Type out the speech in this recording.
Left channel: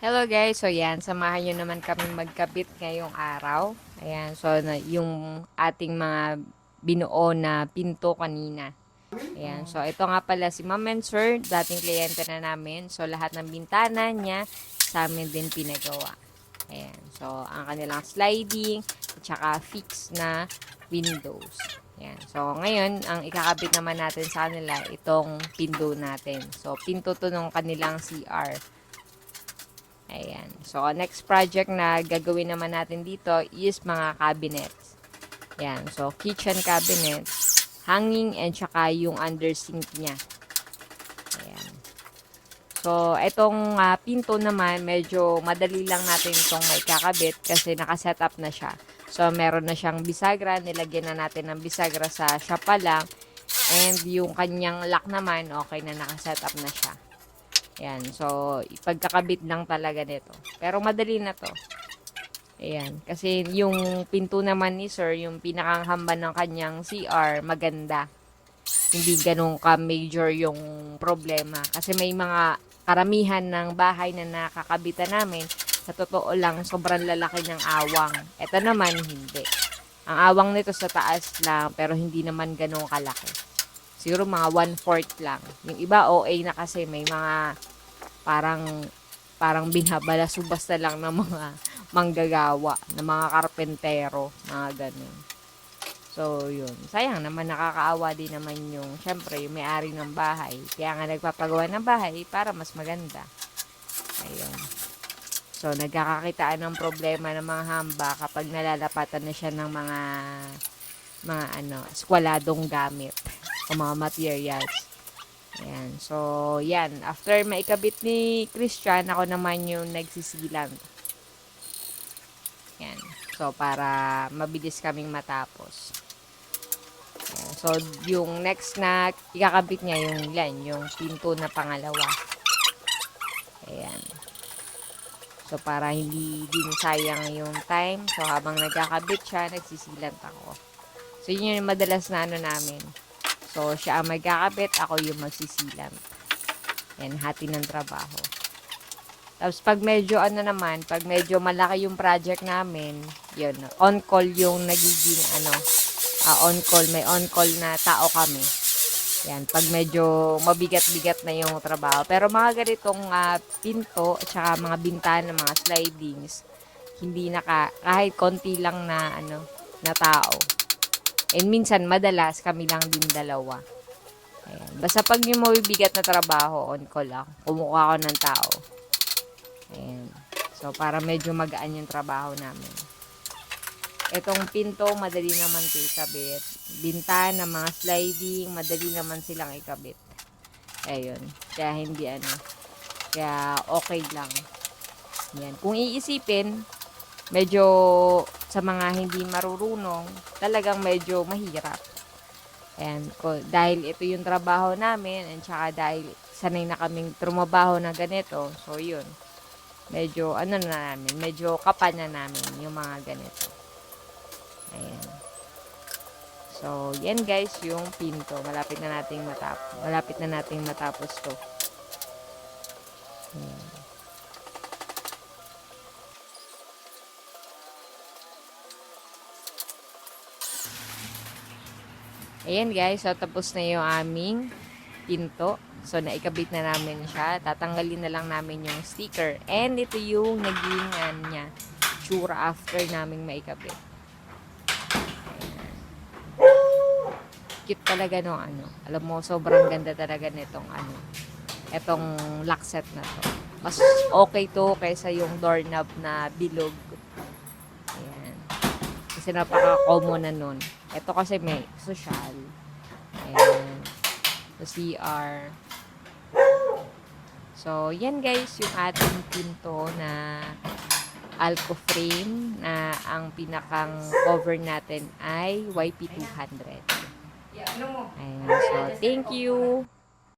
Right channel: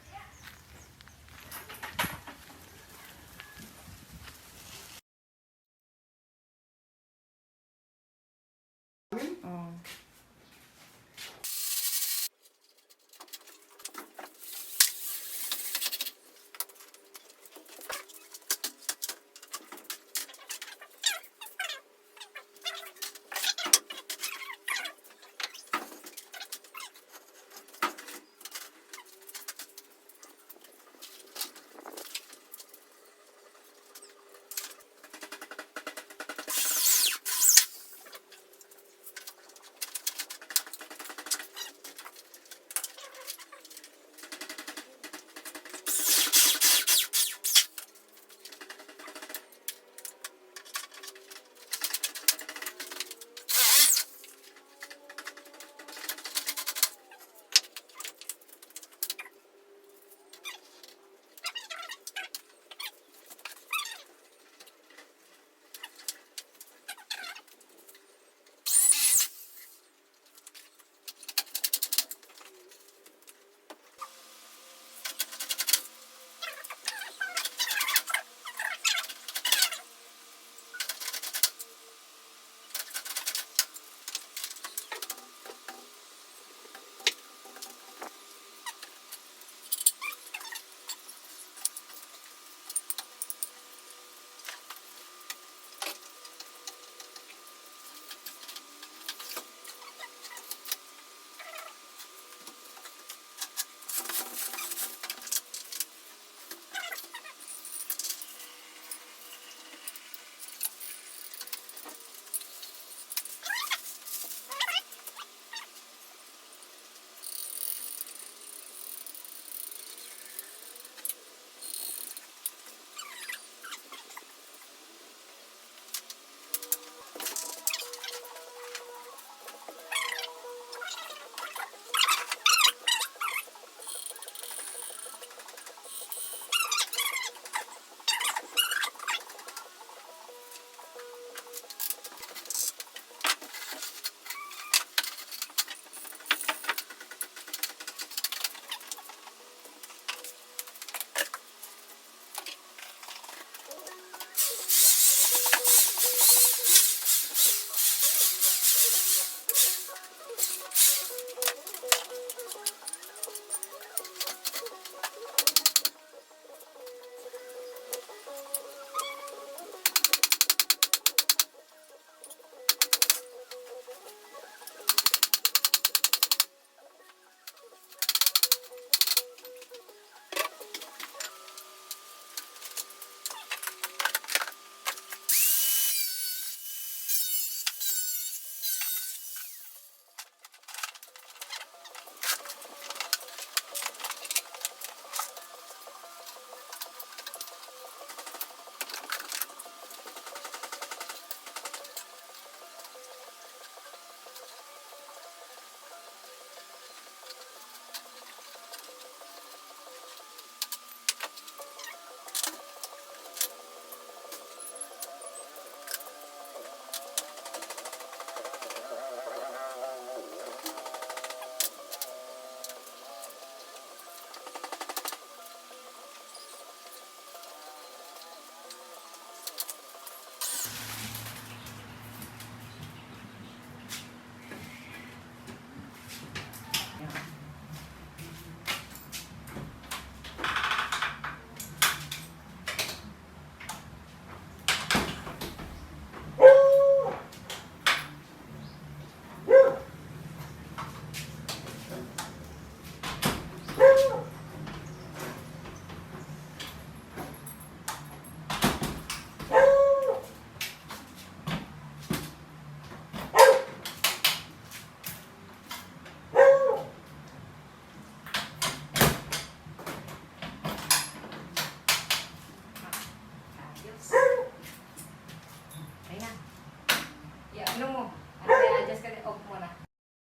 Hello guys, so yan, samahan nyo naman kami magkabit ngayong araw. Ayan, so yung ating mga binuo na pinto kanina. Ayan, so ito nga pala si Ma'am and Sir, dating kliyente na namin. So lahat ng bintana niya sa amin din pinagawa. Ayan, so ang kanilang sliding at saka fix na windows. Ayan, so ngayon, ang ikakabit naman natin sa kanila, itong pinto natin. So pinto to nung kanilang CR. Ayan. So, next project na gagawin naman natin dito is mga cabinets. Ayan. So, kitchen cabinet, hanging, and saka yung under sink niya. Ayan. So, itong pinto naman, medyo madali lang natin itong maikakabit kasi nakaset up na siya. So, meron na siyang bisagra. Nilagyan na natin ng bisagra sa siya pa lang. And yung kanyang lock naman, okay na nakaset up na siya. Ayan, so ipagkakabit lang talaga nito. Pero madali na to. Ayan, kasi yung pinto naman ni Sir, yung pinakahamba ng kanyang CR, maganda. Hindi ganun ka-major yung problema. Kasi may mga karamihan ng bahay na nakakabitan namin, sa totoo lang, sobrang lalaki ng awang. Ito naman, hindi. Ang awang nito sa taas lang, pero hindi naman ganun kalaki. Siguro mga 1/4 lang. Yung iba OA na kasi may mga parang binabalasubas na lang ng mga manggagawa, ng mga karpentero, mga ganun. So, yun. Sayang naman, nakakaawa din naman yung, syempre, yung may-ari ng bahay. Kaya nga nagpapagawa ng bahay para mas maganda. Ayun. So, nagkakakitaan ng problema ng mga hamba kapag nalalapatan na siya ng mga skwaladong gamit o mga materials. Ayan. So, yan. After maikabit ni Christian, ako naman yung nagsisilang. Yan. So, para mabilis kaming matapos. Ayan. So, yung next na ikakabit niya yung pinto na pangalawa. Ayan. So, para hindi din sayang yung time. So, habang nagkakabit siya, nagsisilang ako. So, yun yung madalas na namin. So, siya ang magkakabit, ako yung magsisilang. Yan, hati ng trabaho. Tapos, pag medyo pag medyo malaki yung project namin, yun, on-call yung nagiging, on-call, may on-call na tao kami. Yan, pag medyo mabigat-bigat na yung trabaho. Pero mga ganitong pinto, at saka mga bintana, mga slidings, hindi kahit konti lang na tao. And minsan, madalas, kami lang din dalawa. Ayan. Basta pag yung mabibigat na trabaho, on call ako. Kumukuha ako ng tao. Ayan. So, para medyo magaan yung trabaho namin. Itong pinto, madali naman ito ikabit. Bintana, mga sliding, madali naman silang ikabit. Ayun. Kaya hindi kaya okay lang. Ayan. Kung iisipin, medyo sa mga hindi marurunong, talagang medyo mahirap. Ayan, dahil ito yung trabaho namin, and saka dahil sanay na kaming trumabaho na ganito, so yun, medyo medyo kapal na namin yung mga ganito. Ayan. So, yan guys, yung pinto. Malapit na nating matapos to. Ayan. Ayan guys, so tapos na yung aming pinto. So, naikabit na namin siya. Tatanggalin na lang namin yung sticker. And ito yung naging niya, tsura after namin maikabit. Cute talaga no Alam mo, sobrang ganda talaga nitong itong lock set na to. Mas okay to kaysa yung doorknob na bilog. Ayan. Kasi napaka-common na nun. Ito kasi may social. Ayan. So, CR. So, yan guys, yung ating pinto na Alco frame na ang pinakang cover natin ay YP200. Ayan. So, thank you!